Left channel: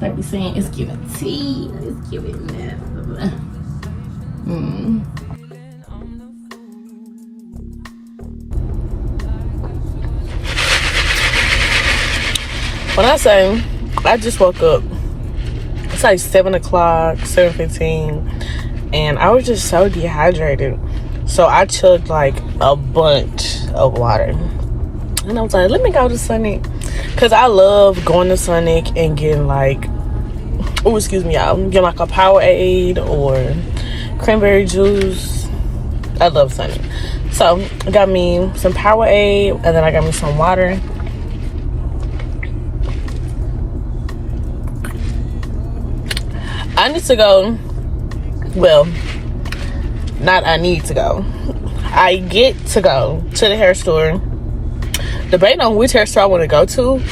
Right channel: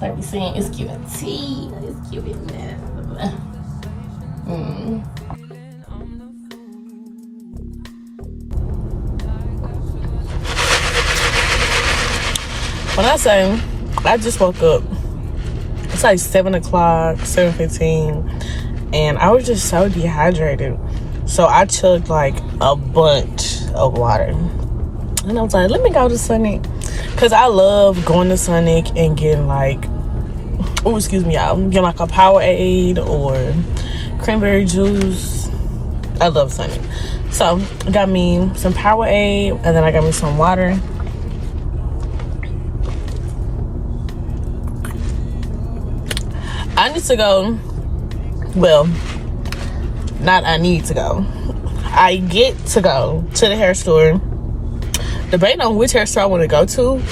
Like we saying, it's giving tea. It's giving that. When I say I just woke up, it's like 7 o'clock, 7:15, and I was just so dehydrated. So I chugged like a bunch of water. And I was like, let me go to Sonic. Because I love going to Sonic and getting like, oh, excuse me, y'all, getting like a Powerade or cranberry juice. I love Sonic. So I got me some Powerade, and then I got me some water. I need to go, well, not I need to go. I get to go to the hair store. Debating on which hair store I want to go to.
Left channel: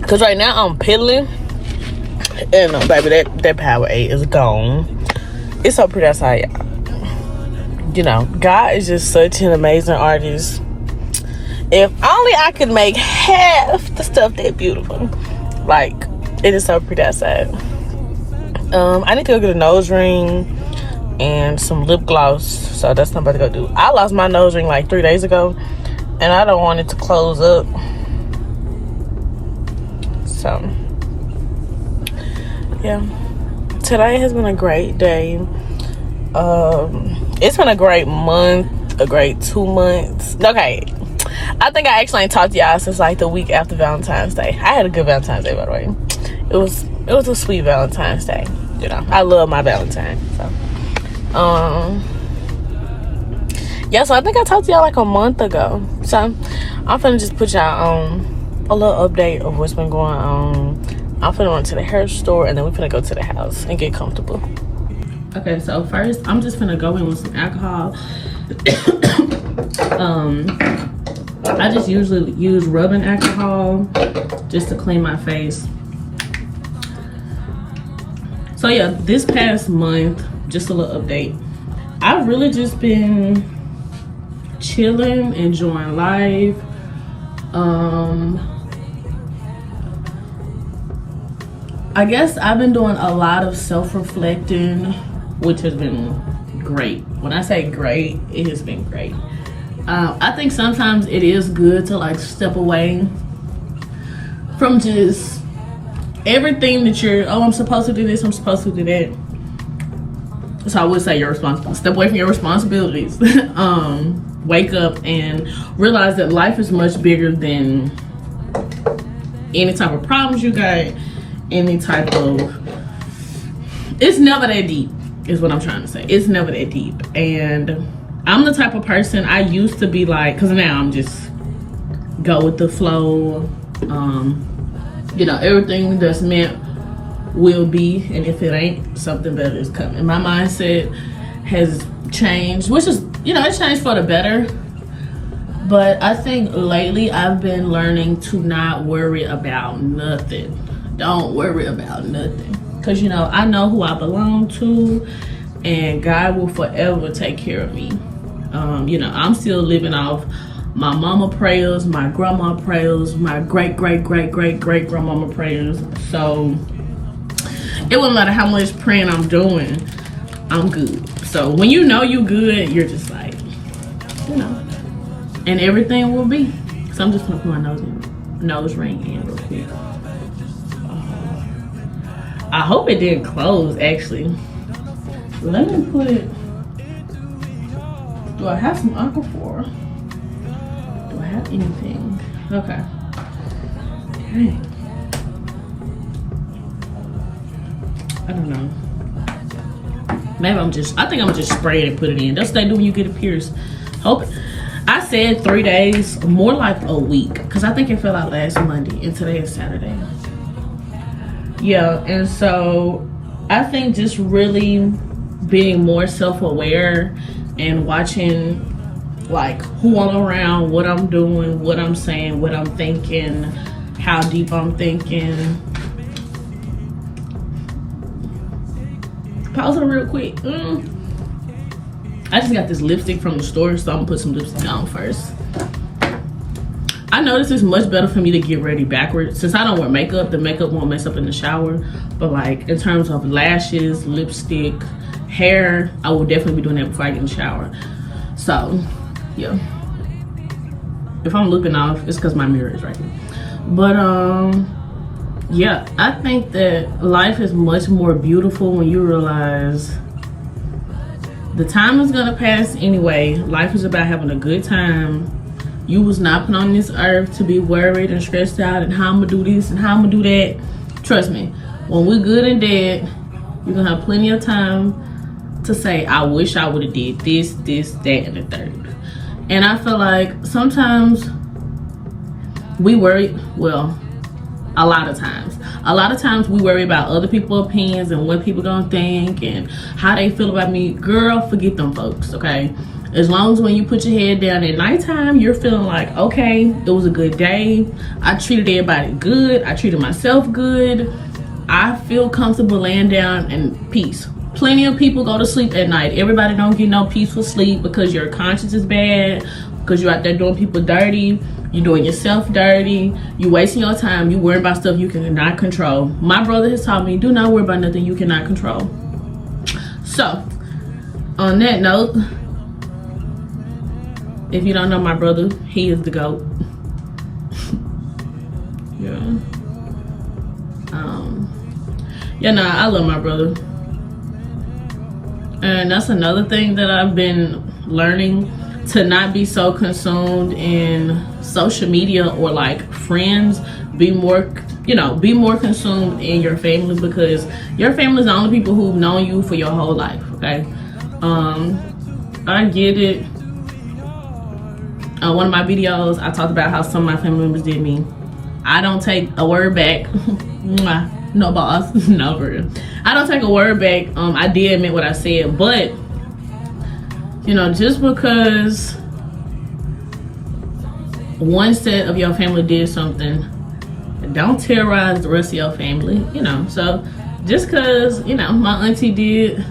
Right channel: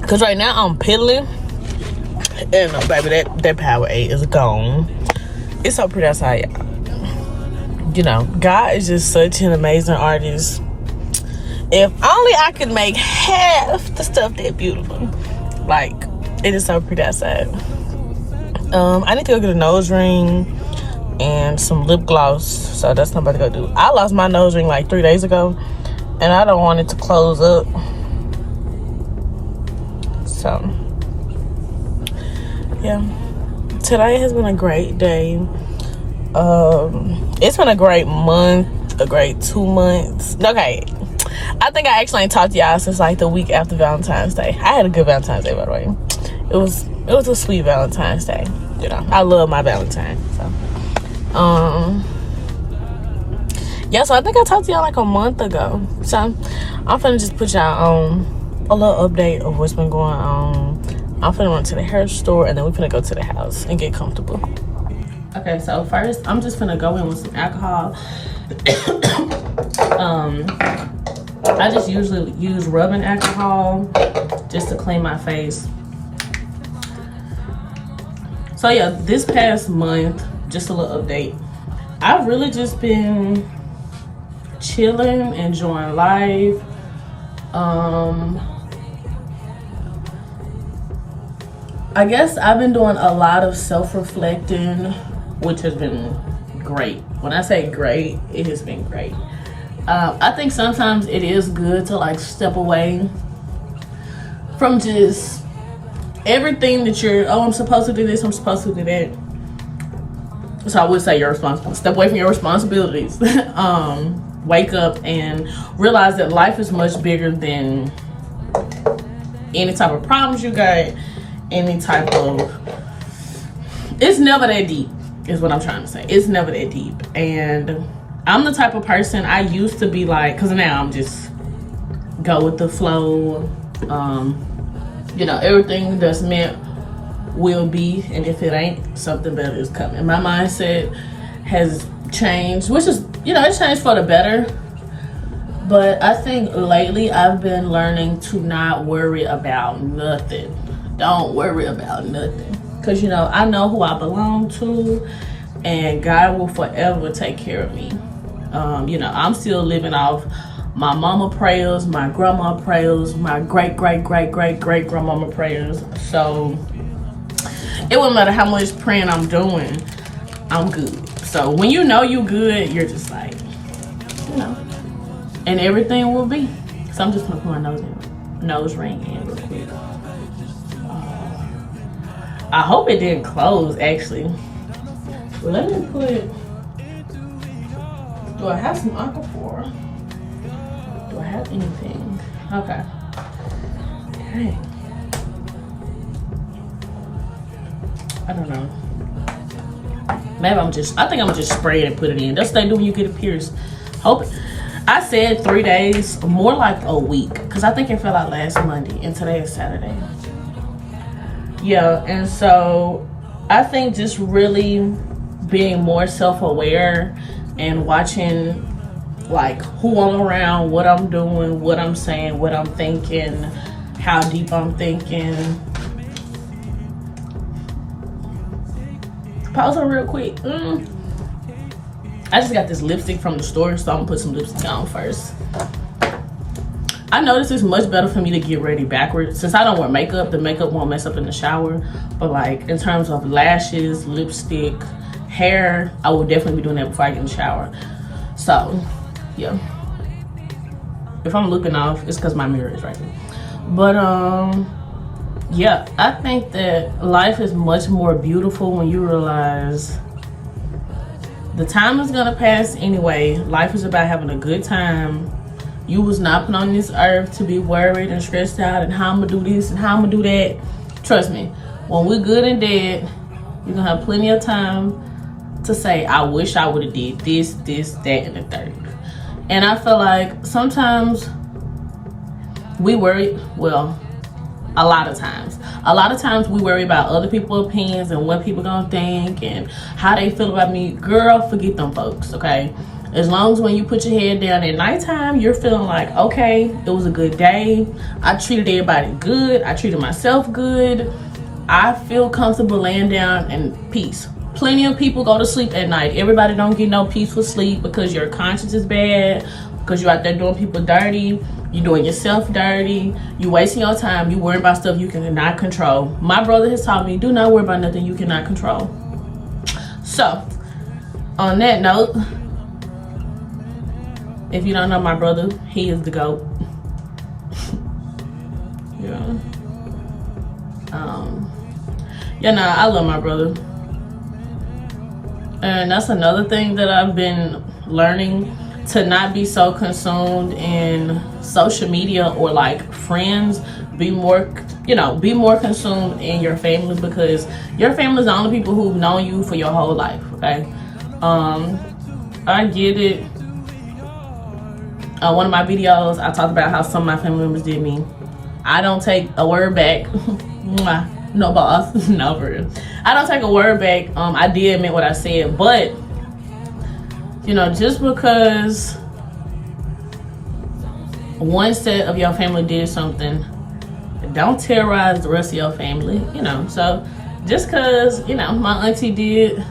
Because right now I'm piddling. And baby, that Powerade is gone. It's so pretty outside, y'all. You know, God is just such an amazing artist. If only I could make half the stuff that beautiful. Like, it is so pretty outside. I need to go get a nose ring and some lip gloss. So that's what I'm about to go do. I lost my nose ring like 3 days ago, and I don't want it to close up. So, yeah. Today has been a great day. It's been a great month, a great 2 months. Okay. I think I actually ain't talked to y'all since like the week after Valentine's Day. I had a good Valentine's Day, by the way. It was a sweet Valentine's Day. You know, I love my Valentine. So, yeah. So I think I talked to y'all like a month ago. So I'm finna just put y'all on a little update of what's been going on. I'm finna run to the hair store, and then we're finna go to the house and get comfortable. Okay, so first I'm just finna go in with some alcohol. I just usually use rubbing alcohol just to clean my face. So yeah, this past month, just a little update. I've really just been chilling, enjoying life. I guess I've been doing a lot of self-reflecting, which has been great. When I say great, it has been great. I think sometimes it is good to like step away from just everything that you're, oh, I'm supposed to do this, I'm supposed to do that. So I would say you're responsible. Step away from your responsibilities. Wake up and realize that life is much bigger than any type of problems you got, any type of, it's never that deep is what I'm trying to say. It's never that deep. And I'm the type of person, I used to be like, because now I'm just go with the flow. You know, everything that's meant will be, and if it ain't, something better is coming. My mindset has changed, which is, you know, it's changed for the better. But I think lately I've been learning to not worry about nothing. Don't worry about nothing. Because, you know, I know who I belong to, and God will forever take care of me. You know, I'm still living off my mama prayers, my grandma prayers, my great grandmama prayers. So it wouldn't matter how much praying I'm doing, I'm good. So when you know you good, you're just like, you know, and everything will be. So I'm just gonna put my nose ring in real quick. I hope it didn't close actually. Let me put it. Do I have some Aquaphor? Do I have anything? Okay. Okay. I don't know. Maybe I think I'm just spraying and put it in. That's what they do when you get it pierced. Hope. I said 3 days, more like a week. Because I think it fell out last Monday and today is Saturday. Yeah, and so I think just really being more self-aware and watching like who I'm around, what I'm doing, what I'm saying, what I'm thinking, how deep I'm thinking. Pause on real quick. I just got this lipstick from the store, so I'm gonna put some lipstick on first. I noticed it's much better for me to get ready backwards. Since I don't wear makeup, the makeup won't mess up in the shower. But like in terms of lashes, lipstick, hair, I will definitely be doing that before I get in the shower. So yeah, if I'm looking off, it's because my mirror is right here. But yeah, I think that life is much more beautiful when you realize the time is gonna pass anyway. Life is about having a good time. You was not put on this earth to be worried and stressed out and how I'm gonna do this and how I'm gonna do that. Trust me, when we're good and dead, you're gonna have plenty of time to say, I wish I would have did this, this, that, and the third. And I feel like sometimes we worry, well, a lot of times we worry about other people's opinions and what people gonna think and how they feel about me. Girl, forget them folks, okay? As long as when you put your head down at nighttime, you're feeling like, okay, it was a good day. I treated everybody good. I treated myself good. I feel comfortable laying down in peace. Plenty of people go to sleep at night. Everybody don't get no peaceful sleep because your conscience is bad, because you're out there doing people dirty. You're doing yourself dirty. You wasting your time. You worry about stuff you cannot control. My brother has taught me, do not worry about nothing you cannot control. So, on that note, if you don't know my brother, he is the GOAT. Yeah. Yeah, no, I love my brother. And that's another thing that I've been learning, to not be so consumed in social media or like friends. Be more, you know, be more consumed in your family, because your family is the only people who've known you for your whole life, okay? I get it. One of my videos, I talked about how some of my family members did me. I don't take a word back. No boss, no for real. I don't take a word back. I did admit what I said, but you know, just because one set of your family did something, don't terrorize the rest of your family, you know. So just because, you know, my auntie did,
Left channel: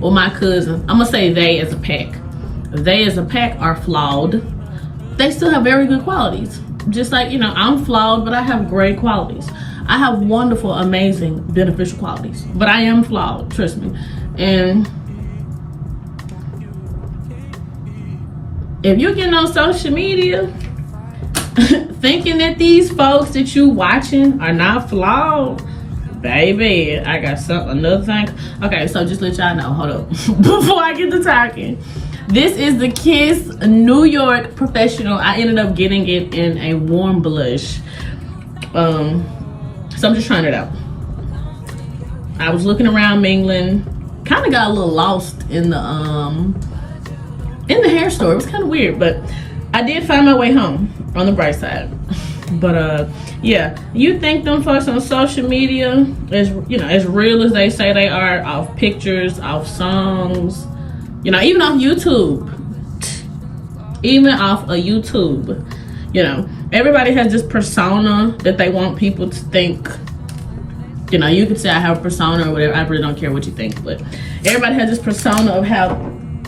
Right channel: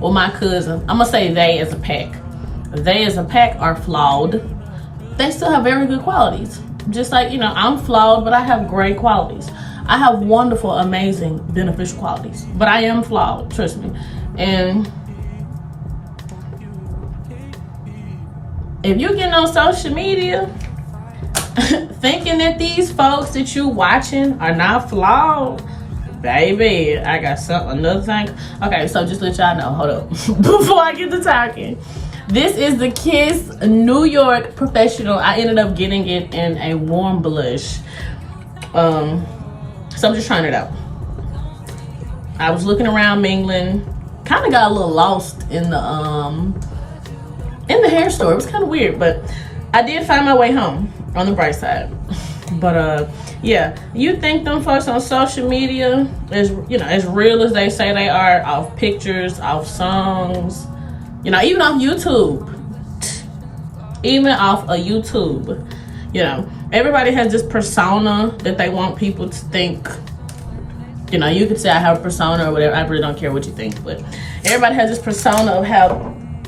or my cousin, I'm gonna say they as a pack are flawed. They still have very good qualities. Just like, you know, I'm flawed, but I have great qualities. I have wonderful, amazing, beneficial qualities, but I am flawed, trust me. And if you're getting on social media thinking that these folks that you watching are not flawed, baby, I got another thing. Okay, so just let y'all know, hold up, before I get to talking. This is the Kiss New York Professional. I ended up getting it in a warm blush. So I'm just trying it out. I was looking around mingling, kind of got a little lost in the hair store. It was kind of weird, but I did find my way home on the bright side. But yeah, you think them folks on social media, as you know, as real as they say they are, off pictures, off songs, you know, even off YouTube, even off of YouTube, you know, everybody has this persona that they want people to think. You know, you could say I have a persona or whatever. I really don't care what you think, but everybody has this persona of how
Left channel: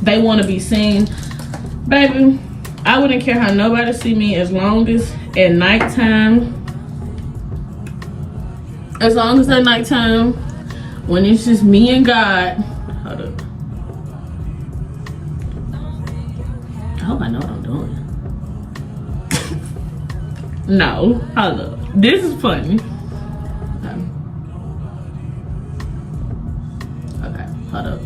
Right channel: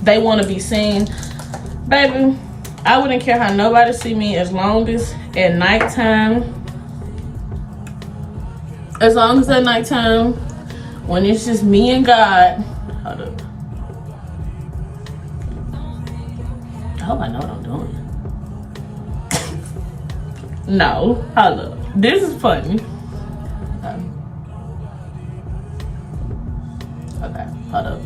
they want to be seen. Baby, I wouldn't care how nobody see me as long as at nighttime. As long as at nighttime, when it's just me and God. Hold up. I hope I know what I'm doing. No, hold up. This is funny. Okay, hold up.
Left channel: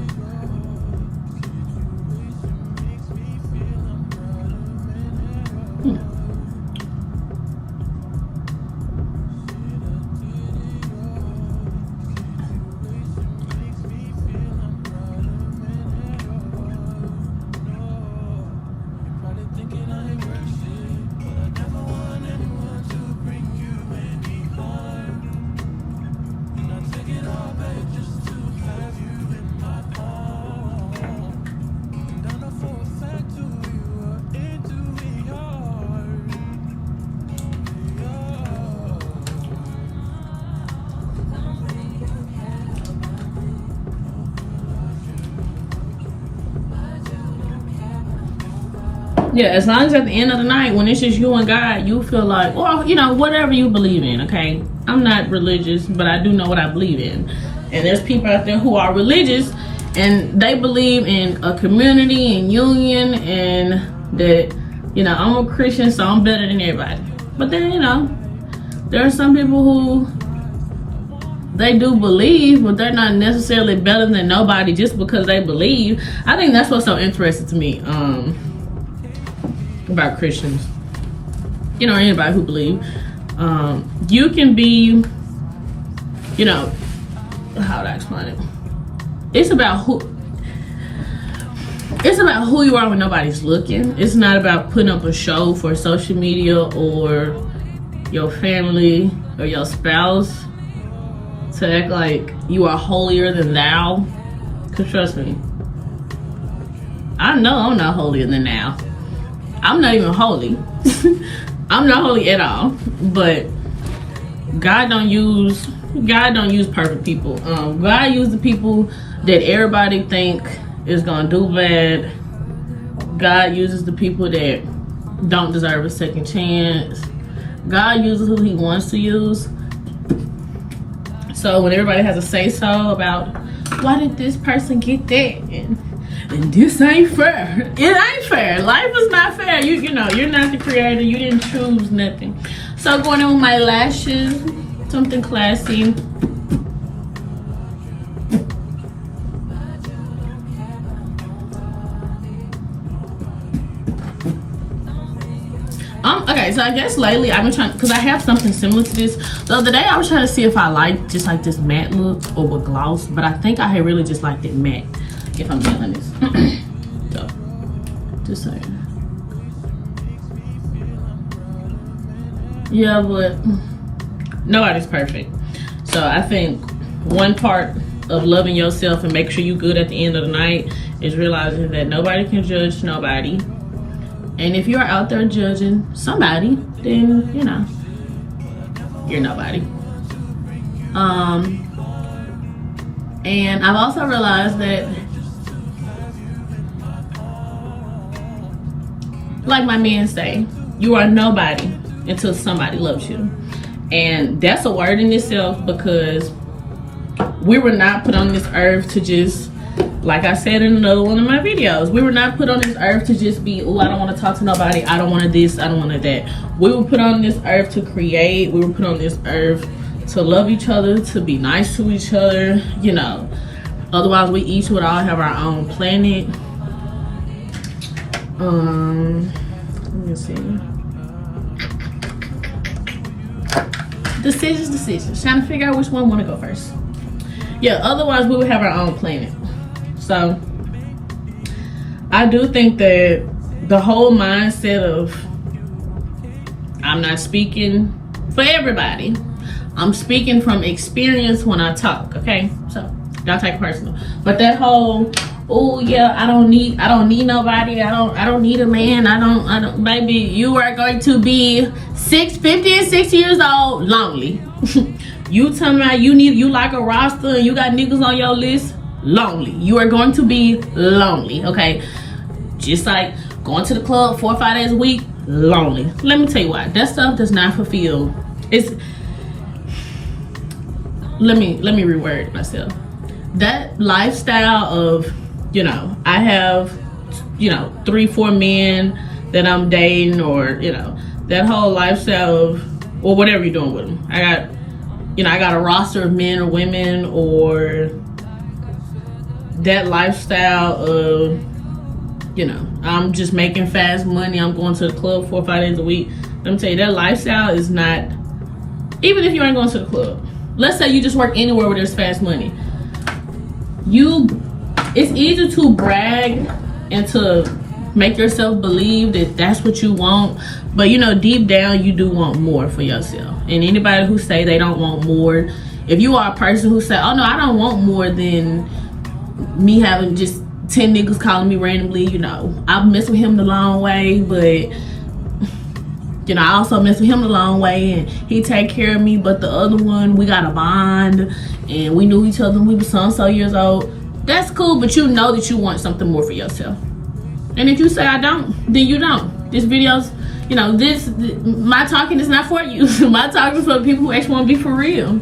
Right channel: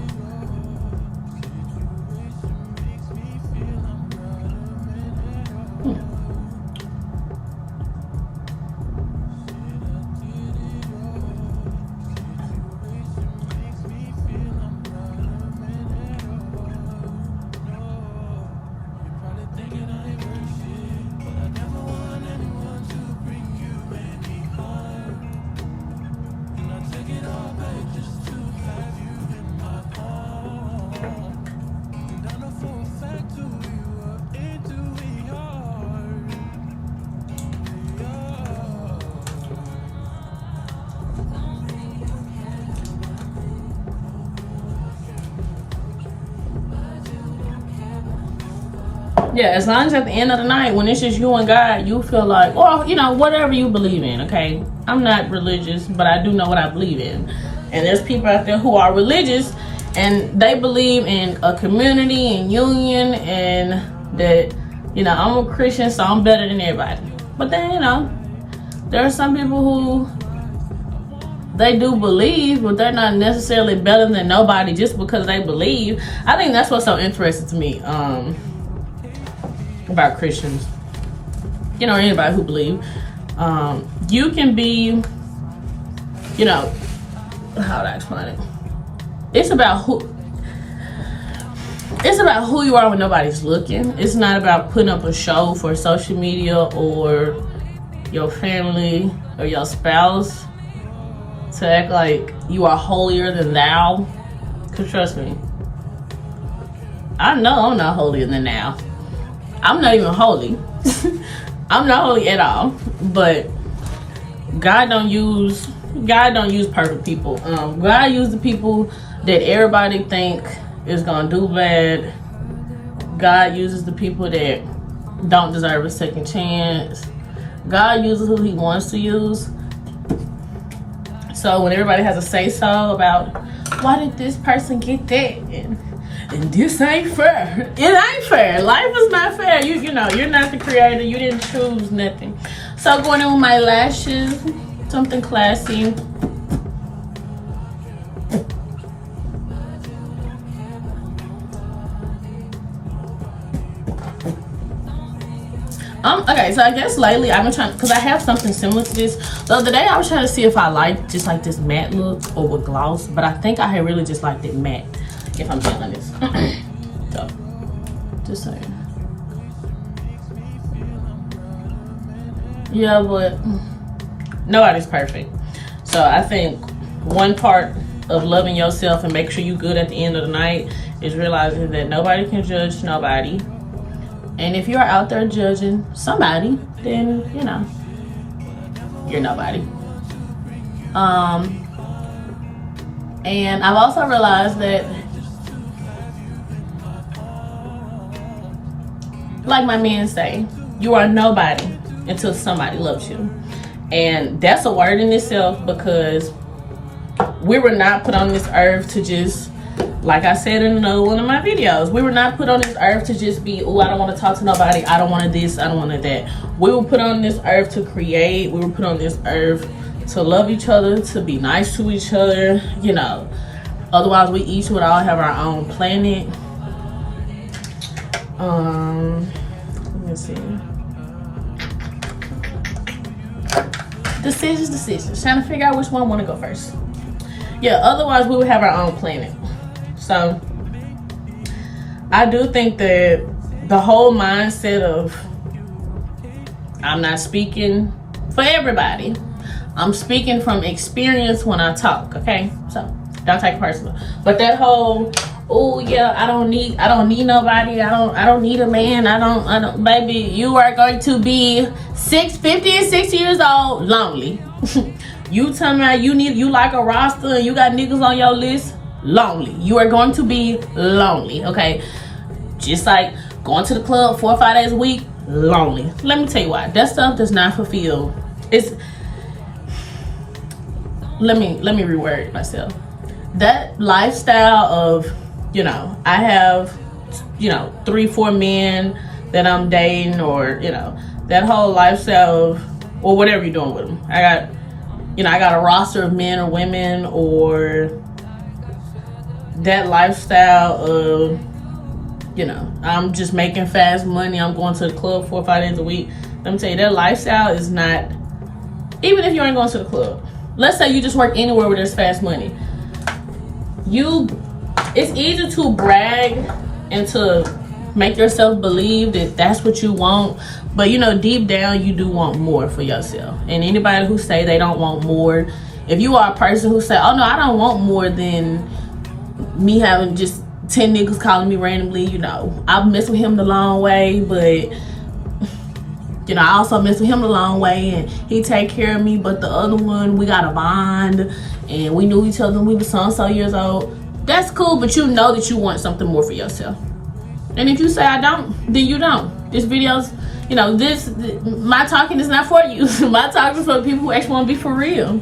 Yeah, as long as at the end of the night, when it's just you and God, you feel like, or you know, whatever you believe in. Okay, I'm not religious, but I do know what I believe in. And there's people out there who are religious and they believe in a community and union, and that, you know, I'm a Christian, so I'm better than everybody. But then, you know, there are some people who they do believe, but they're not necessarily better than nobody just because they believe. I think that's what's so interesting to me about Christians, you know, anybody who believe. You can be, you know, how would I explain it? It's about who you are when nobody's looking. It's not about putting up a show for social media or your family or your spouse to act like you are holier than thou. Cause trust me, I know I'm not holier than thou. I'm not even holy. I'm not holy at all. But God don't use perfect people. God used the people that everybody think is gonna do bad. God uses the people that don't deserve a second chance. God uses who he wants to use. So when everybody has a say-so about why did this person get that and this ain't fair, it ain't fair. Life is not fair. You know, you're not the creator. You didn't choose nothing. So going in with my lashes, something classy. Okay, so I guess lately I've been trying, because I have something similar to this. The other day I was trying to see if I like just like this matte look or with gloss, but I think I had really just liked it matte, if I'm being honest. So, just saying. Yeah, but nobody's perfect. So I think one part of loving yourself and make sure you're good at the end of the night is realizing that nobody can judge nobody. And if you're out there judging somebody, then, you know, you're nobody. And I've also realized that, like my men say, you are nobody until somebody loves you. And that's a word in itself, because we were not put on this earth to just, like I said in another one of my videos, we were not put on this earth to just be, oh, I don't want to talk to nobody, I don't want this, I don't want that. We were put on this earth to create. We were put on this earth to love each other, to be nice to each other, you know. Otherwise, we each would all have our own planet. Let me see. Decisions. Trying to figure out which one I want to go first. Yeah, otherwise we would have our own planet. So I do think that the whole mindset of, I'm not speaking for everybody, I'm speaking from experience when I talk, okay? So don't take it personal. But that whole, oh yeah, I don't need nobody, I don't need a man, I don't baby, you are going to be 50 and 60 years old lonely. You talking about you like a roster and you got niggas on your list, lonely. You are going to be lonely, okay? Just like going to the club 4 or 5 days a week, lonely. Let me tell you why. That stuff does not fulfill. Let me reword myself. That lifestyle of, you know, I have, you know, 3-4 men that I'm dating, or, you know, that whole lifestyle of, or whatever you're doing with them. I got a roster of men or women, or that lifestyle of, you know, I'm just making fast money, I'm going to the club 4 or 5 days a week. Let me tell you, that lifestyle is not, even if you ain't going to the club, let's say you just work anywhere where there's fast money, it's easy to brag and to make yourself believe that that's what you want, but you know, deep down you do want more for yourself. And anybody who say they don't want more, if you are a person who say, oh no, I don't want more than me having just 10 niggas calling me randomly, you know, I've messed with him the long way, but you know, I also messed with him the long way and he take care of me, but the other one, we got a bond and we knew each other when we were so years old. That's cool, but you know that you want something more for yourself. And if you say I don't, then you don't. This video's, you know, my talking is not for you. My talking is for people who actually want to be for real.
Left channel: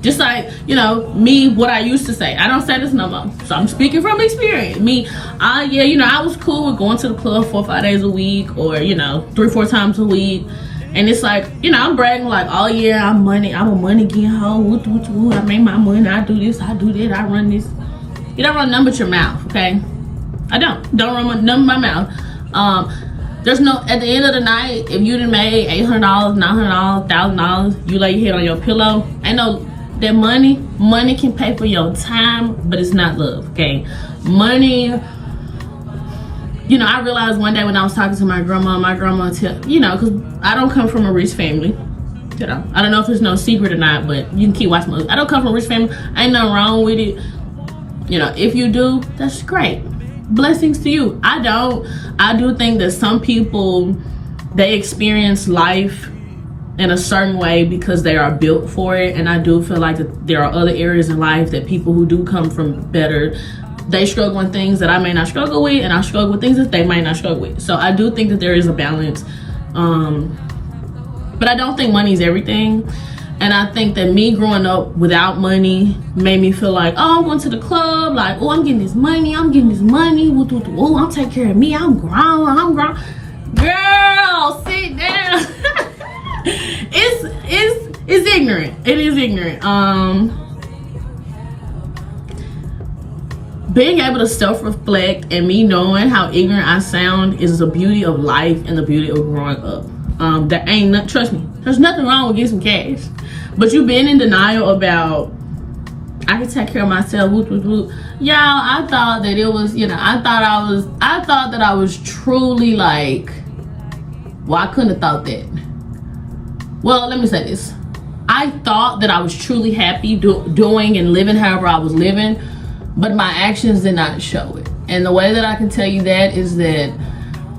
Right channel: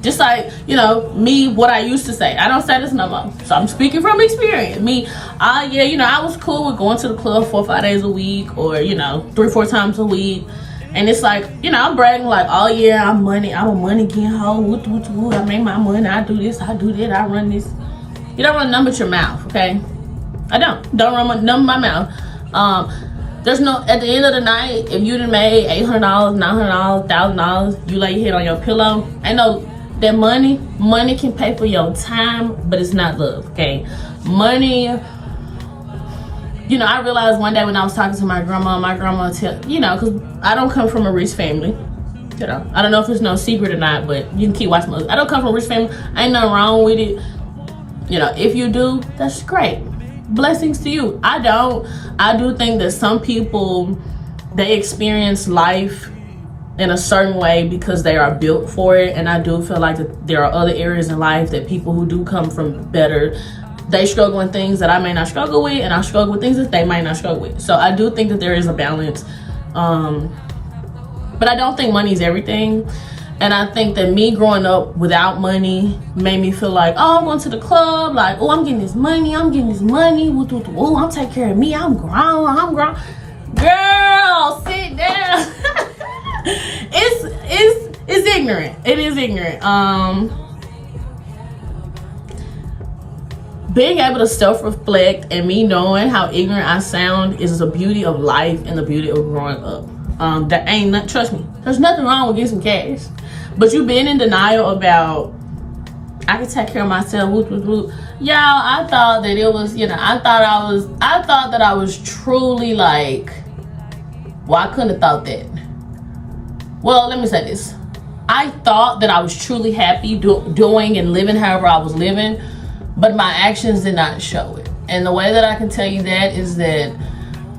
Just like, you know, me, what I used to say. I don't say this no more. So I'm speaking from experience. Me, yeah, you know, I was cool with going to the club 4 or 5 days a week, or, you know, 3 or 4 times a week. And it's like, you know, I'm bragging like, oh yeah, I'm a money getting hoe. Woo, I make my money. I do this, I do that, I run this. You don't run none but your mouth, okay? I don't run none but my mouth. There's no, at the end of the night, if you done made $800, $900, $1,000, you lay your head on your pillow. I know that money can pay for your time, but it's not love, okay? Money, you know, I realized one day when I was talking to my grandma tell, you know, because I don't come from a rich family. You know, I don't know if it's no secret or not, but you can keep watching my, I don't come from a rich family. Ain't nothing wrong with it. You know, if you do, that's great. Blessings to you. I don't. I do think that some people, they experience life in a certain way because they are built for it. And I do feel like that there are other areas in life that people who do come from better, they struggle with things that I may not struggle with, and I struggle with things that they might not struggle with. So I do think that there is a balance. But I don't think money is everything. And I think that me growing up without money made me feel like, oh, I'm going to the club, like, oh, I'm getting this money, oh, I'm taking care of me, I'm grown. Girl, sit down. It's ignorant. It is ignorant. Being able to self-reflect and me knowing how ignorant I sound is the beauty of life and the beauty of growing up. There ain't nothing, trust me, there's nothing wrong with getting some cash. But you being in denial about, I can take care of myself, Y'all, I thought that it was, you know, I thought that I was truly like, well, I couldn't have thought that. Well, let me say this. I thought that I was truly happy doing and living however I was living, but my actions did not show it. And the way that I can tell you that is that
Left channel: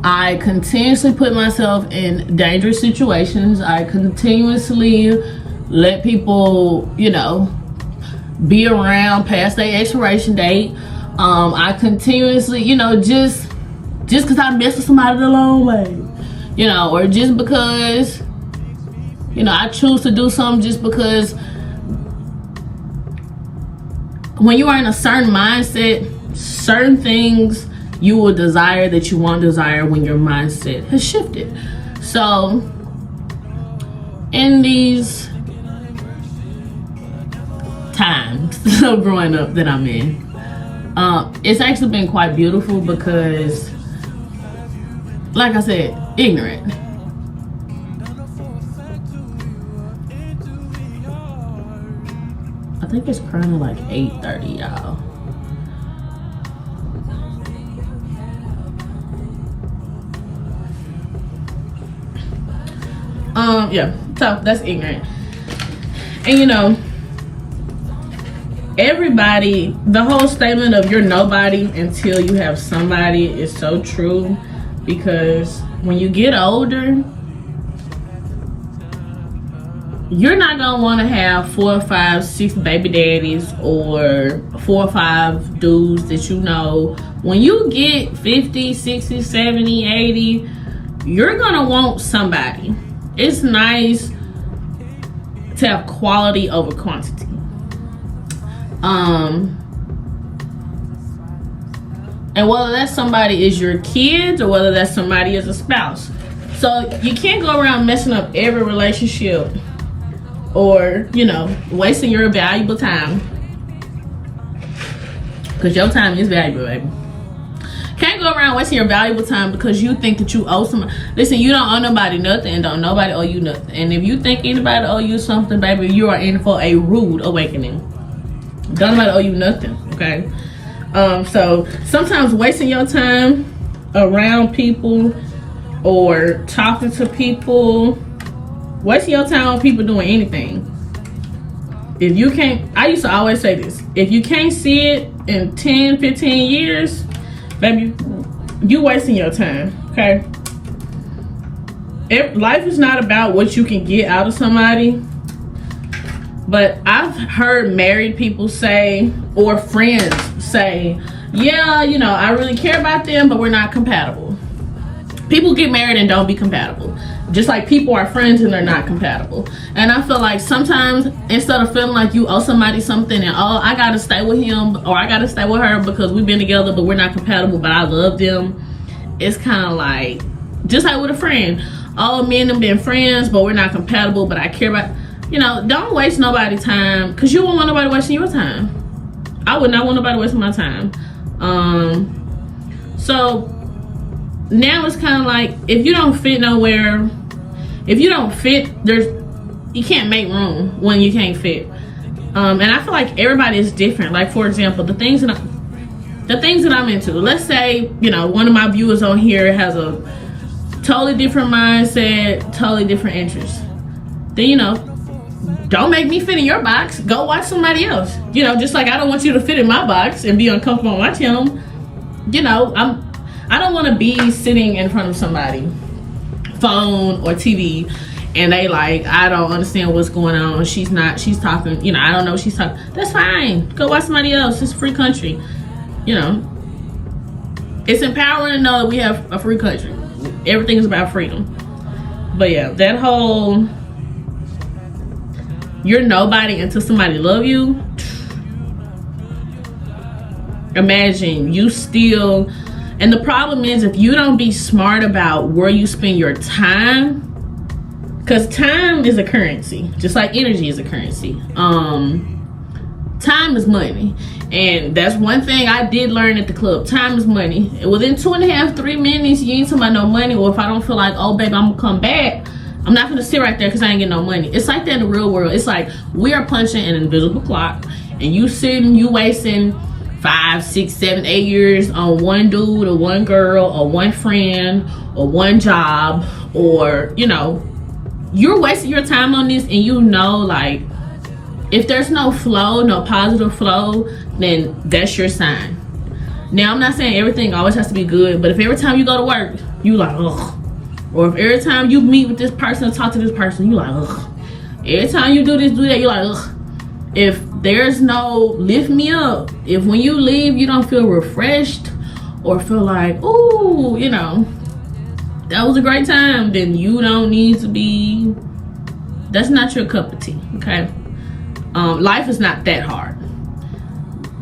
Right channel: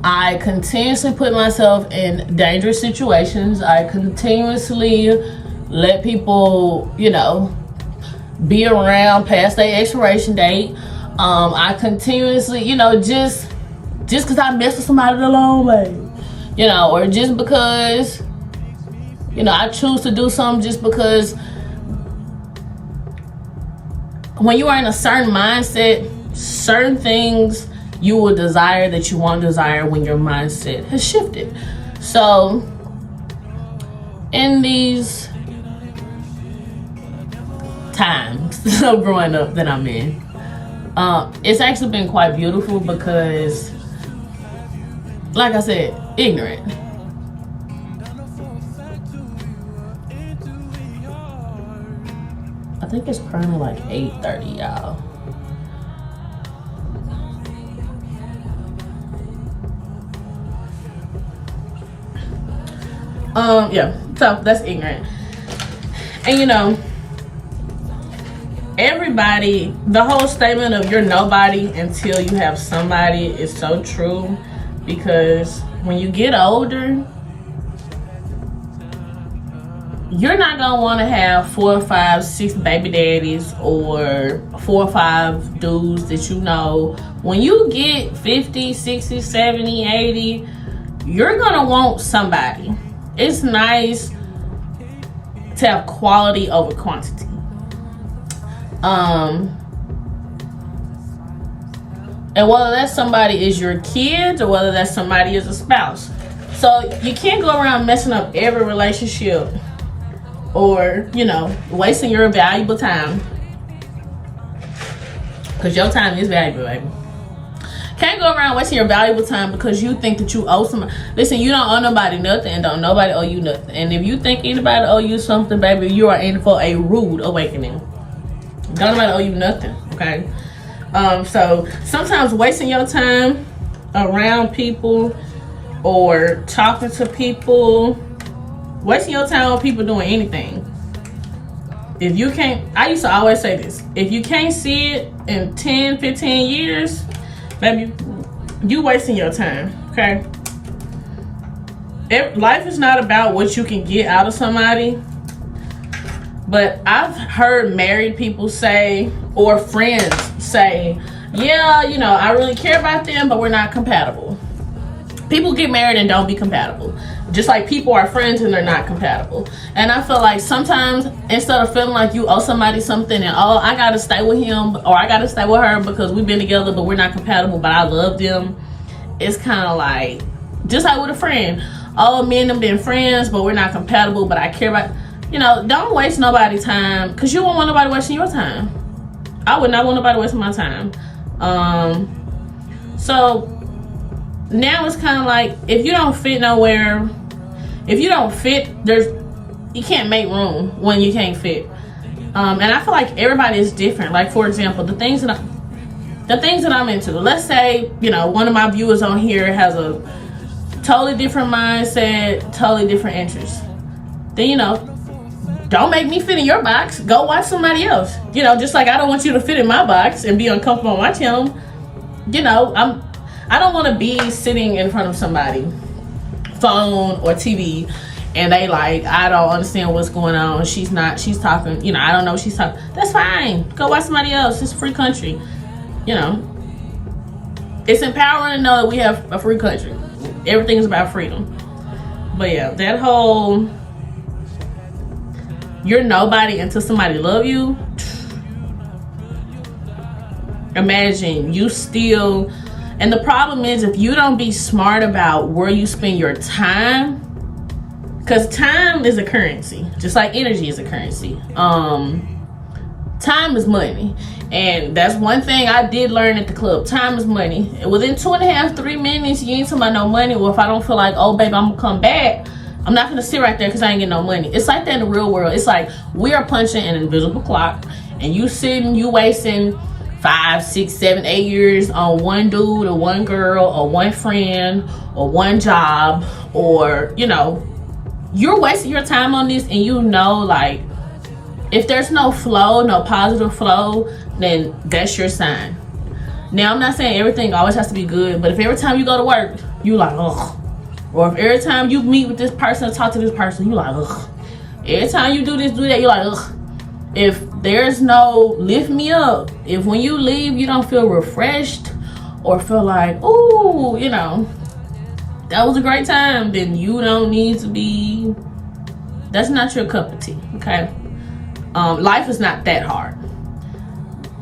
I continuously put myself in dangerous situations. I continuously let people, you know, be around past their expiration date. I continuously, you know, just because I messed with somebody the long way, you know, or just because, you know, I choose to do something just because. When you are in a certain mindset, certain things you will desire that you won't desire when your mindset has shifted. So in these times of growing up that I'm in, it's actually been quite beautiful because, like I said, ignorant. I think it's currently like 8:30, y'all. Yeah, so that's ignorant. And you know, everybody, the whole statement of you're nobody until you have somebody is so true, because when you get older, you're not gonna want to have 4 or 5, 6 baby daddies or 4 or 5 dudes that you know. When you get 50, 60, 70, 80, you're gonna want somebody. It's nice to have quality over quantity. And whether that somebody is your kids or whether that somebody is a spouse. So you can't go around messing up every relationship or, you know, wasting your valuable time. Because your time is valuable, baby. Can't go around wasting your valuable time because you think that you owe somebody. Listen, you don't owe nobody nothing, and don't nobody owe you nothing. And if you think anybody owe you something, baby, you are in for a rude awakening. Don't nobody owe you nothing, okay? So sometimes wasting your time around people or talking to people, wasting your time on people doing anything. If you can't, I used to always say this, if you can't see it in 10, 15 years, baby, you wasting your time, okay? Life is not about what you can get out of somebody. But I've heard married people say, or friends say, yeah, you know, I really care about them, but we're not compatible. People get married and don't be compatible. Just like people are friends and they're not compatible. And I feel like sometimes instead of feeling like you owe somebody something and oh, I gotta stay with him or I gotta stay with her because we've been together but we're not compatible, but I love them, it's kind of like just like with a friend. Oh, me and them been friends but we're not compatible, but I care about, you know, don't waste nobody's time because you won't want nobody wasting your time. I would not want nobody wasting my time. So now it's kind of like if you don't fit nowhere, if you don't fit, you can't make room when you can't fit. And I feel like everybody is different. Like for example, the things that I'm into. Let's say, you know, one of my viewers on here has a totally different mindset, totally different interests. Then, you know, don't make me fit in your box. Go watch somebody else. You know, just like I don't want you to fit in my box and be uncomfortable on my channel. You know, I don't want to be sitting in front of somebody, phone or TV, and they like, I don't understand what's going on. She's talking, you know, I don't know what she's talking. That's fine. Go watch somebody else. It's a free country. You know, it's empowering to know that we have a free country. Everything is about freedom. But yeah, that whole you're nobody until somebody love you. Imagine you still, and the problem is if you don't be smart about where you spend your time, because time is a currency, just like energy is a currency. Time is money, and that's one thing I did learn at the club. Time is money. And within 2.5, 3 minutes, you ain't talking about no money. Or if I don't feel like, oh baby, I'm gonna come back, I'm not gonna sit right there because I ain't getting no money. It's like that in the real world. It's like we are punching an invisible clock, and you wasting 5, 6, 7, 8 years on one dude or one girl or one friend or one job, or you know, you're wasting your time on this, and you know, like, if there's no flow, no positive flow, then that's your sign. Now, I'm not saying everything always has to be good, but if every time you go to work, you like, ugh. Or if every time you meet with this person, talk to this person, you like, ugh. Every time you do this, do that, you like, ugh. If there's no lift me up, if when you leave, you don't feel refreshed or feel like, ooh, you know, that was a great time, then you don't need to be, that's not your cup of tea, okay? Life is not that hard.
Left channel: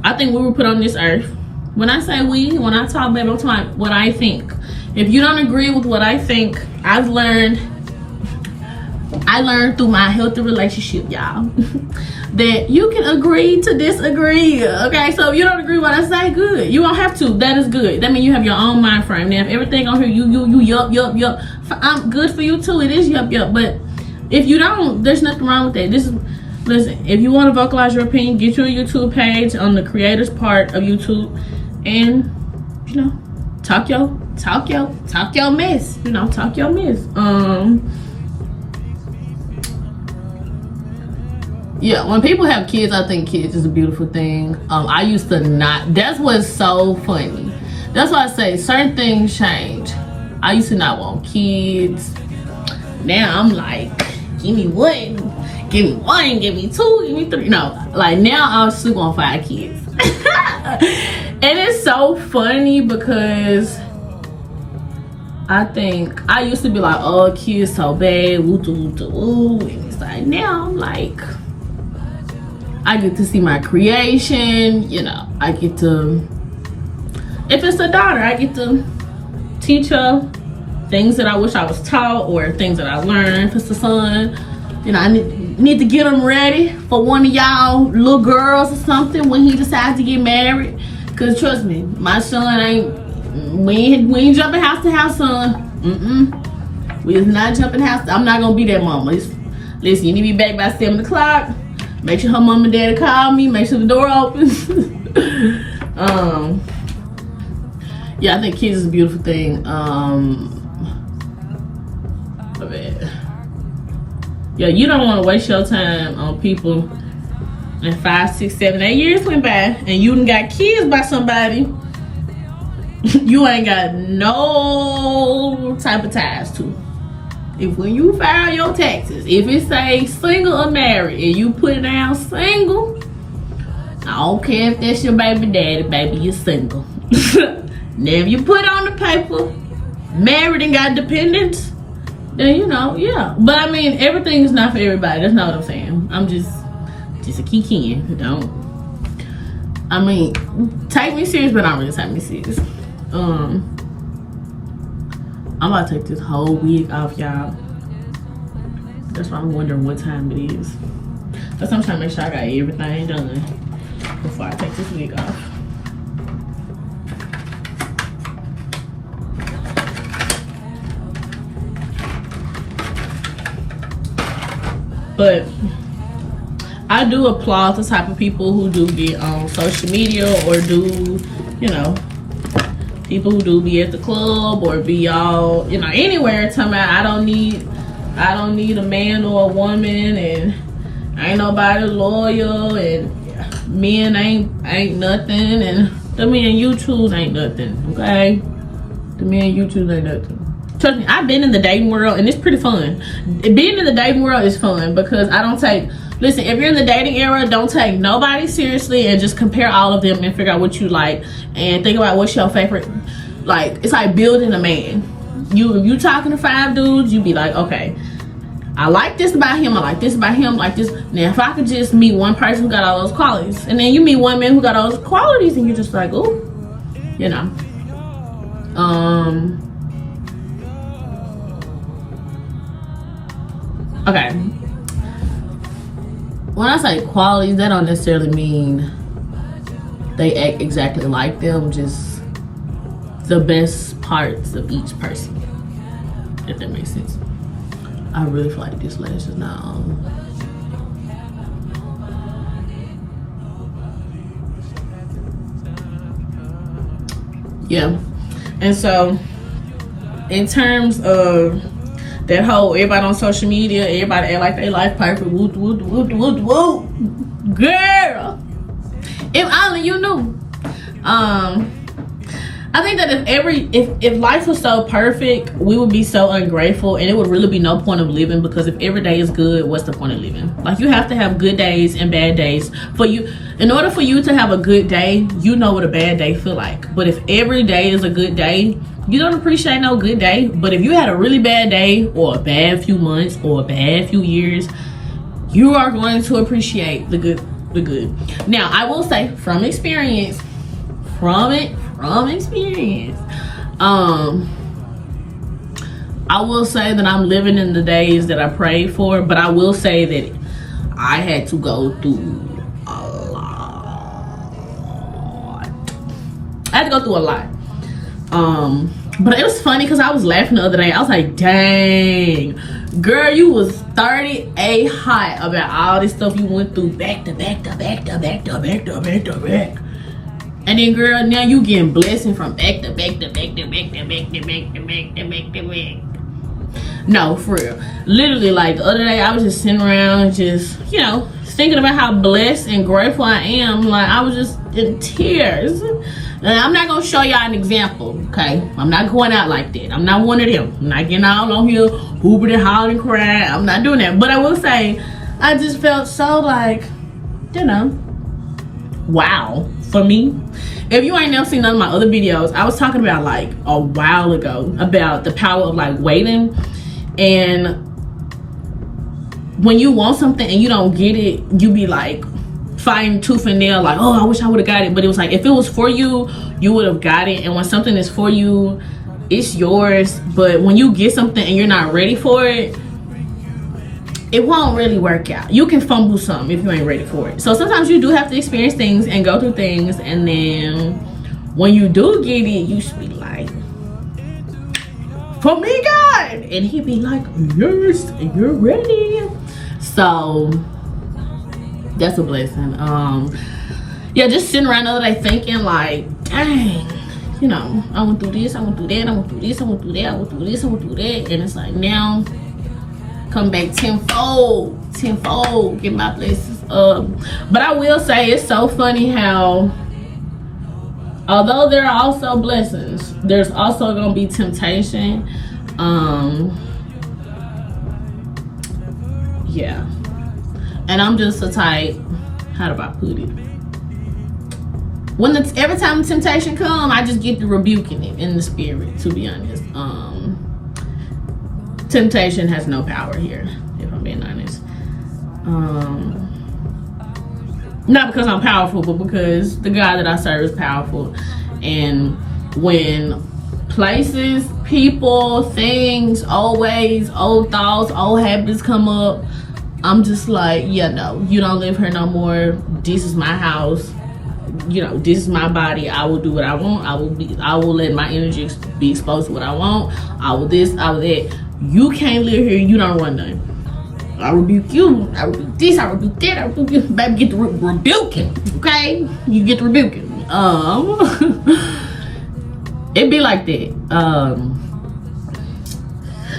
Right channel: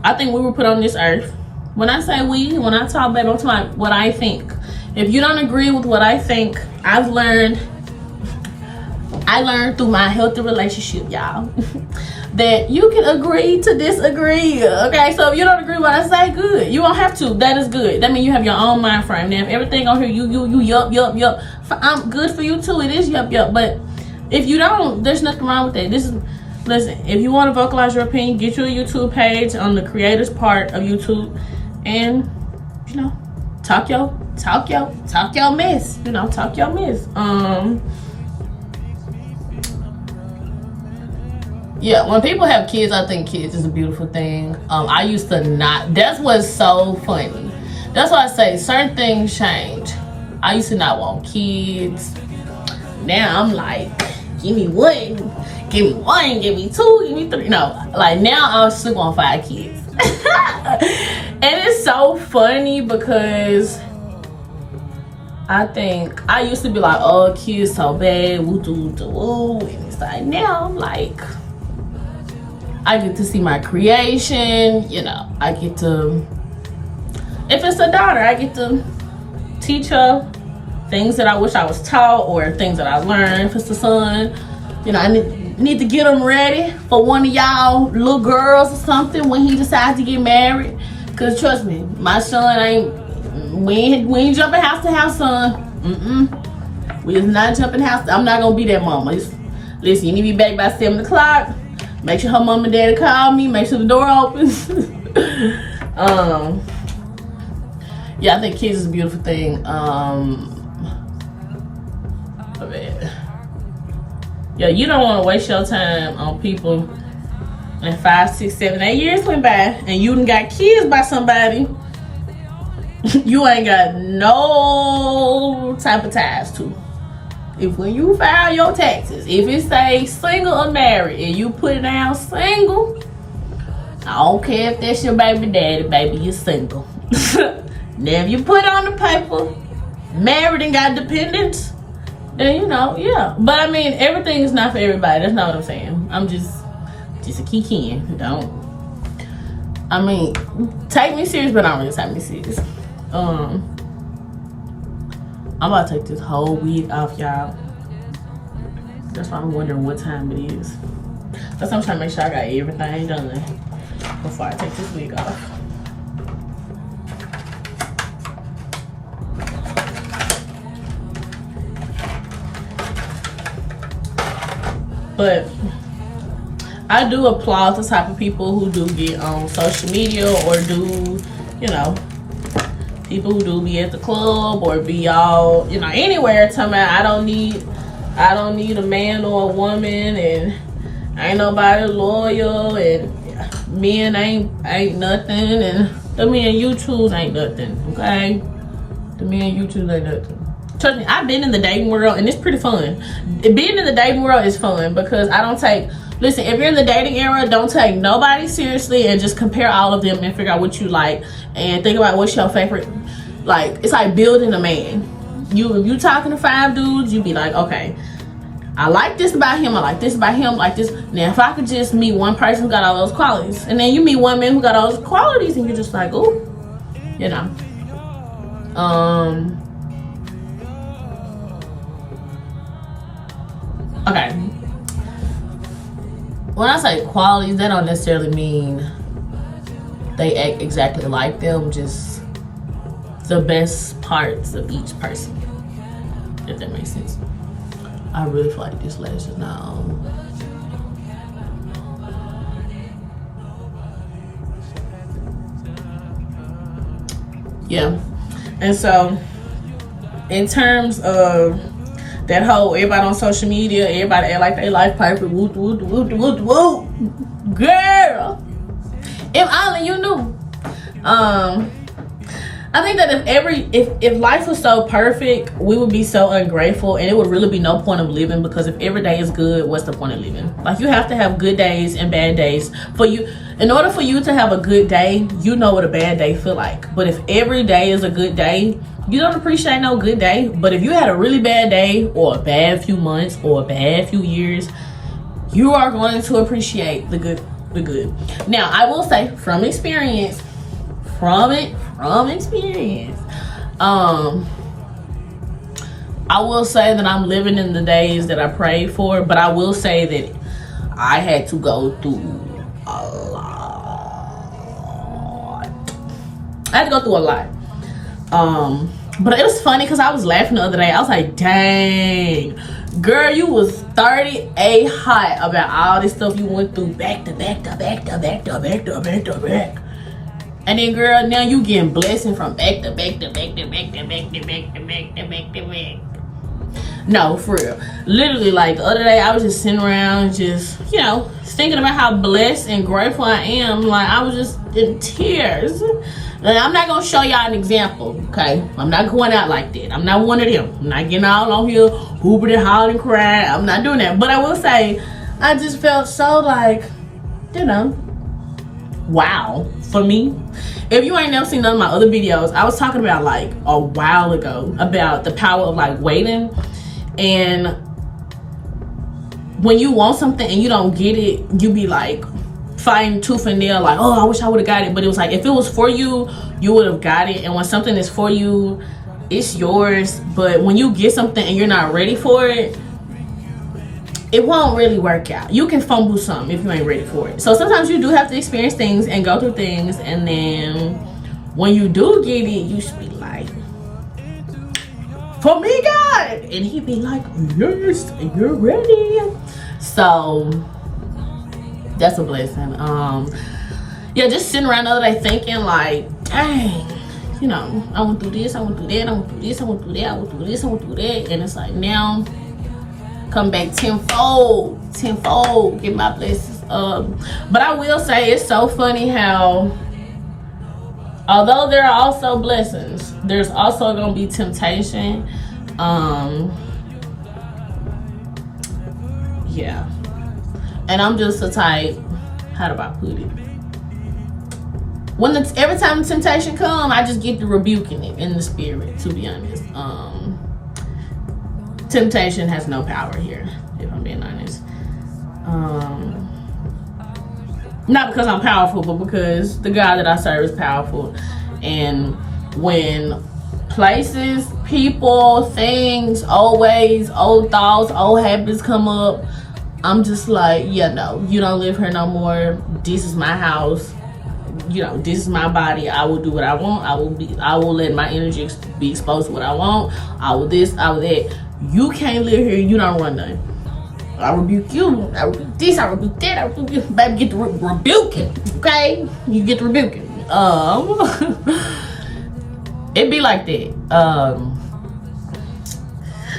I think we were put on this earth. When I say we, when I talk, baby, I'm talking about what I think. If you don't agree with what I think, I learned through my healthy relationship, y'all, that you can agree to disagree, okay? So if you don't agree with what I say, good. You don't have to. That is good. That means you have your own mind frame. Now, if everything on here, you yup, I'm good for you too. It is yup. But if you don't, there's nothing wrong with that. Listen, if you want to vocalize your opinion, get you a YouTube page on the creators part of YouTube, and you know, talk your mess. You know, talk your mess. Yeah, when people have kids, I think kids is a beautiful thing. I used to not. That's what's so funny. That's why I say certain things change. I used to not want kids. Now I'm like, give me one, give me two, give me three. No, like now I'll sleep on 5 kids. And it's so funny because I think I used to be like, oh, kids so bad, woo. And it's like now I'm like, I get to see my creation, you know, I get to, if it's a daughter, I get to teach her things that I wish I was taught or things that I learned. If it's a son, you know, I need to get him ready for one of y'all little girls or something when he decides to get married. Cause trust me, my son we ain't jumping house to house, son. We is not jumping house. I'm not gonna be that mama. Listen, you need to be back by 7 o'clock. Make sure her mom and daddy call me. Make sure the door opens. Yeah, I think kids is a beautiful thing. Yeah, you don't want to waste your time on people. And 5, 6, 7, 8 years went by, and you done got kids by somebody you ain't got no type of ties to. If when you file your taxes, if it say single or married, and you put it down single, I don't care if that's your baby daddy, baby, you're single. Now if you put on the paper, married and got dependents, then you know, yeah. But I mean, everything's not for everybody. That's not what I'm saying. I'm just a kicking. Don't. I mean, take me serious, but don't really take me serious. I'm about to take this whole wig off, y'all. That's why I'm wondering what time it is. That's why I'm trying to make sure I got everything done before I take this wig off. But I do applaud the type of people who do get on social media or do, you know, people who do be at the club or be all, you know, anywhere talking about I don't need a man or a woman, and ain't nobody loyal, and men ain't nothing, and the men you choose ain't nothing, okay? The men you choose ain't nothing. Trust me, I've been in the dating world and it's pretty fun. Being in the dating world is fun because I don't take, listen, if you're in the dating era, don't take nobody seriously and just compare all of them and figure out what you like and think about what's your favorite. Like, it's like building a man. If you talking to 5 dudes, you be like, okay, I like this about him, I like this about him, like this. Now, if I could just meet one person who got all those qualities, and then you meet one man who got all those qualities, and you're just like, oh, you know. Okay. When I say qualities, that don't necessarily mean they act exactly like them, just the best parts of each person, if that makes sense. I really feel like this lash is not on. Yeah. And so, in terms of that whole everybody on social media, everybody act like they life perfect, woo, woo, woo, woo, woo. Girl, if only you knew. I think that if life was so perfect, we would be so ungrateful, and it would really be no point of living, because if every day is good, what's the point of living? Like, you have to have good days and bad days for you. In order for you to have a good day, you know what a bad day feel like. But if every day is a good day, you don't appreciate no good day. But if you had a really bad day, or a bad few months, or a bad few years, you are going to appreciate the good. Now, I will say from experience, I will say that I'm living in the days that I prayed for, but I will say that I had to go through a lot. I had to go through a lot. But it was funny because I was laughing the other day. I was like, dang, girl, you was 38 hot about all this stuff you went through back to back. And then, girl, now you getting blessing from back to back. No, for real. Literally, like, the other day, I was just sitting around just, you know, thinking about how blessed and grateful I am. Like, I was just in tears. And I'm not going to show y'all an example, okay? I'm not going out like that. I'm not one of them. I'm not getting all on here, hooping and hollering and crying. I'm not doing that. But I will say, I just felt so, like, you know, wow. For me, if you ain't never seen none of my other videos, I was talking about, like, a while ago about the power of, like, waiting. And when you want something and you don't get it, you be like fighting tooth and nail, like, oh, I wish I would have got it. But it was like, if it was for you, you would have got it. And when something is for you, it's yours. But when you get something and you're not ready for it, it won't really work out. You can fumble something if you ain't ready for it. So sometimes you do have to experience things and go through things, and then when you do get it, you should be like, for me, God. And he'd be like, yes, you're ready. So that's a blessing. Yeah, just sitting around the other day thinking, like, dang, you know, I went through this, I went through that, I went through this, I went through that, I went through this, I went through that. And it's like, now come back tenfold, get my blessings up. But I will say, it's so funny how, although there are also blessings, there's also gonna be temptation. Yeah, and I'm just the type, how do I put it? every time the temptation come, I just get to rebuking it in the spirit, to be honest. Temptation has no power here, if I'm being honest. Not because I'm powerful, but because the God that I serve is powerful. And when places, people, things, old ways, old thoughts, old habits come up, I'm just like, yeah, no, you don't live here no more. This is my house. You know, this is my body. I will do what I want. I will let my energy be exposed to what I want. I will this, I will that. You can't live here. You don't run nothing. I rebuke you. I rebuke this. I rebuke that. I rebuke you. Baby, get the rebuking. Okay, you get the rebuking. It be like that.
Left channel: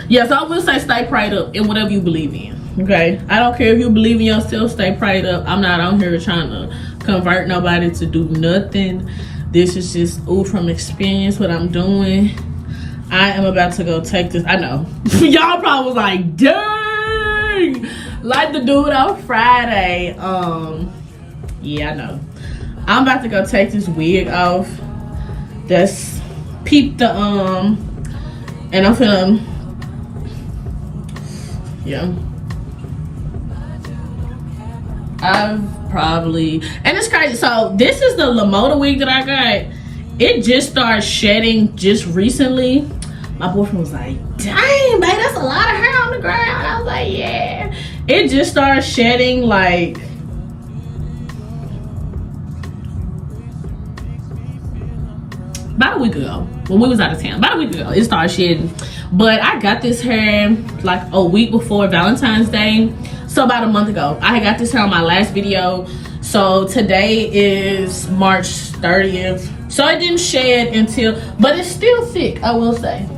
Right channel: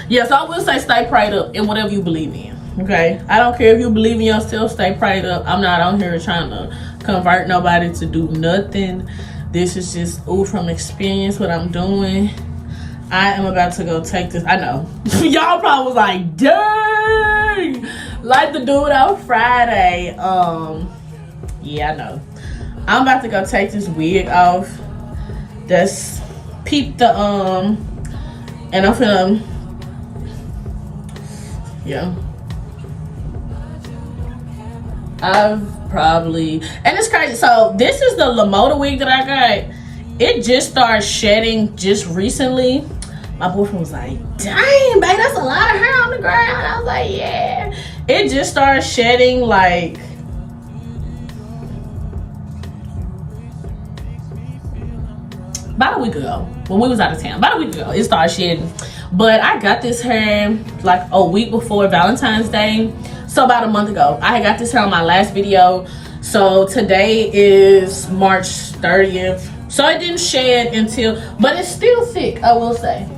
Yeah, so I will say stay prayed up in whatever you believe in. Okay, I don't care if you believe in yourself. Stay prayed up. I'm not on here trying to convert nobody to do nothing. This is just from experience what I'm doing. I am about to go take this. I know y'all probably was like, dang, like the dude on Friday. Yeah, I know. I'm about to go take this wig off. That's peep the and I'm finna, yeah, I've probably, and it's crazy. So this is the 𝚘𝚅𝚒𝚑 wig that I got. It just started shedding just recently. My boyfriend was like, dang, babe, that's a lot of hair on the ground. I was like, yeah. It just started shedding like about a week ago when we was out of town. About a week ago it started shedding. But I got this hair like a week before Valentine's Day. So about a month ago. I got this hair on my last video. So today is March 30th. So it didn't shed until, but it's still thick, I will say.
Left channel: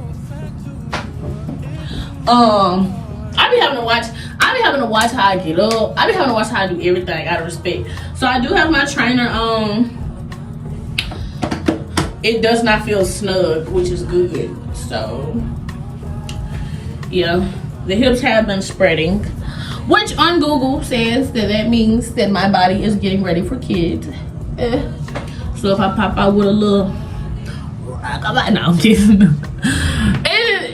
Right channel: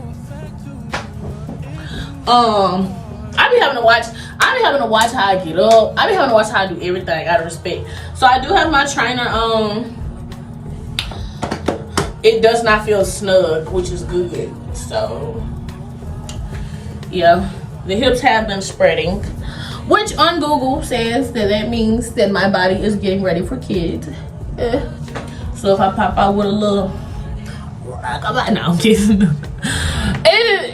I be having to watch how I get up. I be having to watch how I do everything out of respect. So I do have my trainer on. It does not feel snug, which is good. So yeah, the hips have been spreading, which on Google says that means that my body is getting ready for kids. So if I pop out with a little, no, I'm kidding.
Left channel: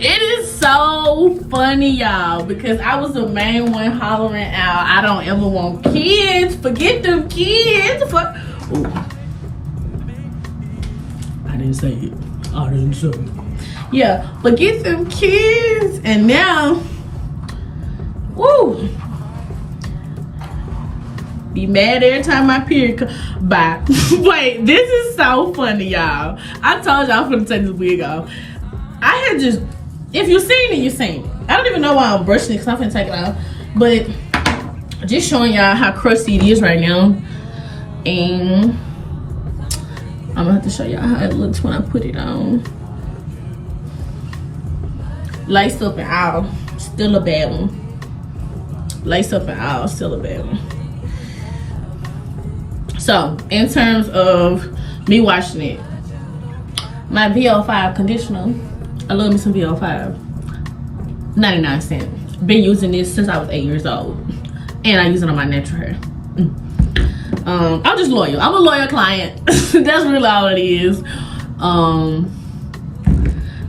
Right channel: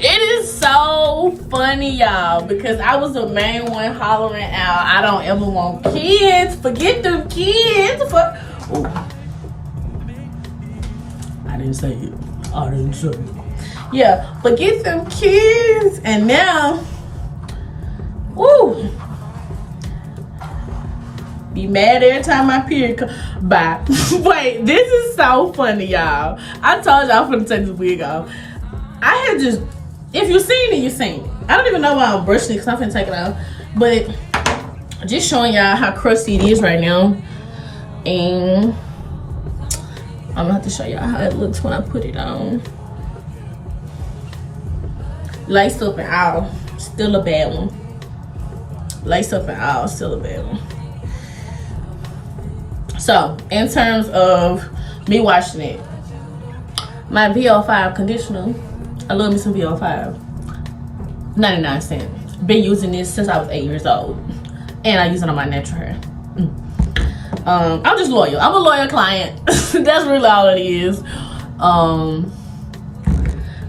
It is so funny, y'all, because I was the main one hollering out, I don't ever want kids. Forget them kids. Ooh. I didn't say it. I didn't say it. Yeah, forget them kids. And now, woo, be mad every time my period come. Bye. Wait, this is so funny, y'all. I told y'all I'm gonna take this wig off. I had just, if you seen it, you seen it. I don't even know why I'm brushing it because I'm gonna take it off. But just showing y'all how crusty it is right now. And I'm gonna have to show y'all how it looks when I put it on. Lace up and all, still a bad one. Lace up and all, still a bad one. So, in terms of me washing it, my VO5 conditioner, I love me some VO5, 99 cents. Been using this since I was 8 years old. And I use it on my natural hair. I'm just loyal. I'm a loyal client. That's really all it is. I'm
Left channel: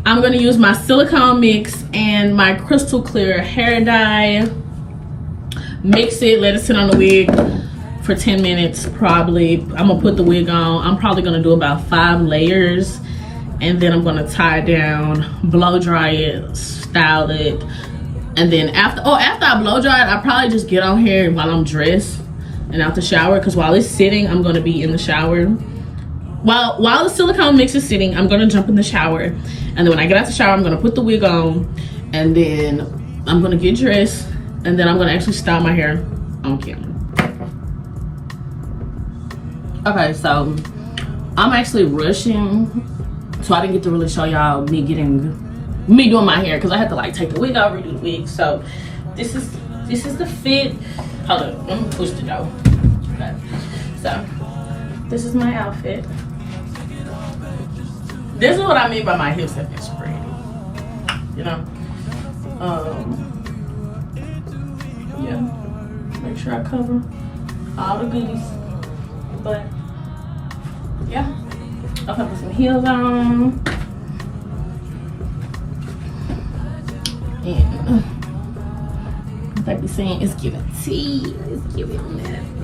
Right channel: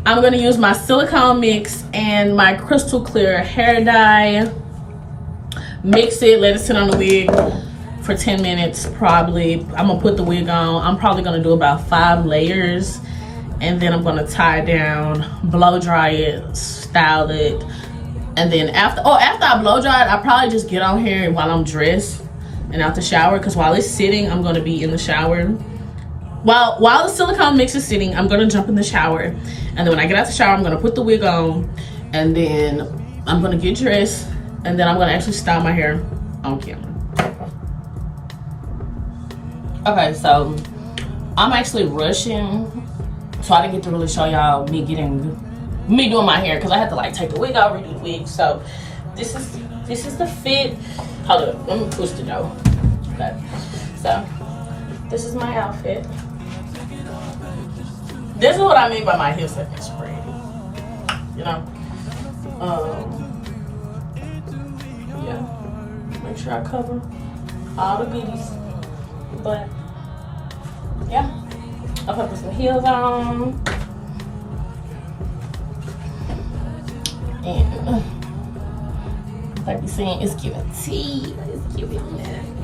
gonna use my silicone mix and my crystal clear hair dye. Mix it, let it sit on the wig for 10 minutes probably. I'm gonna put the wig on. I'm probably gonna do about 5 layers, and then I'm gonna tie it down, blow dry it, style it, and then after I blow dry it, I probably just get on here while I'm dressed and out the shower, because while it's sitting, I'm gonna be in the shower. While the silicone mix is sitting, I'm gonna jump in the shower, and then when I get out the shower, I'm gonna put the wig on, and then I'm gonna get dressed, and then I'm gonna actually style my hair on camera. Okay, so I'm actually rushing, so I didn't get to really show y'all me doing my hair, because I had to like take the wig out, redo the wig. So this is the fit. Hold up, let me push the door. Okay, so this is my outfit. This is what I mean by my hips like spread. You know, yeah. Make sure I cover all the beauties, but I'm gonna put some heels on. And like we saying, it's giving tea. It's giving that.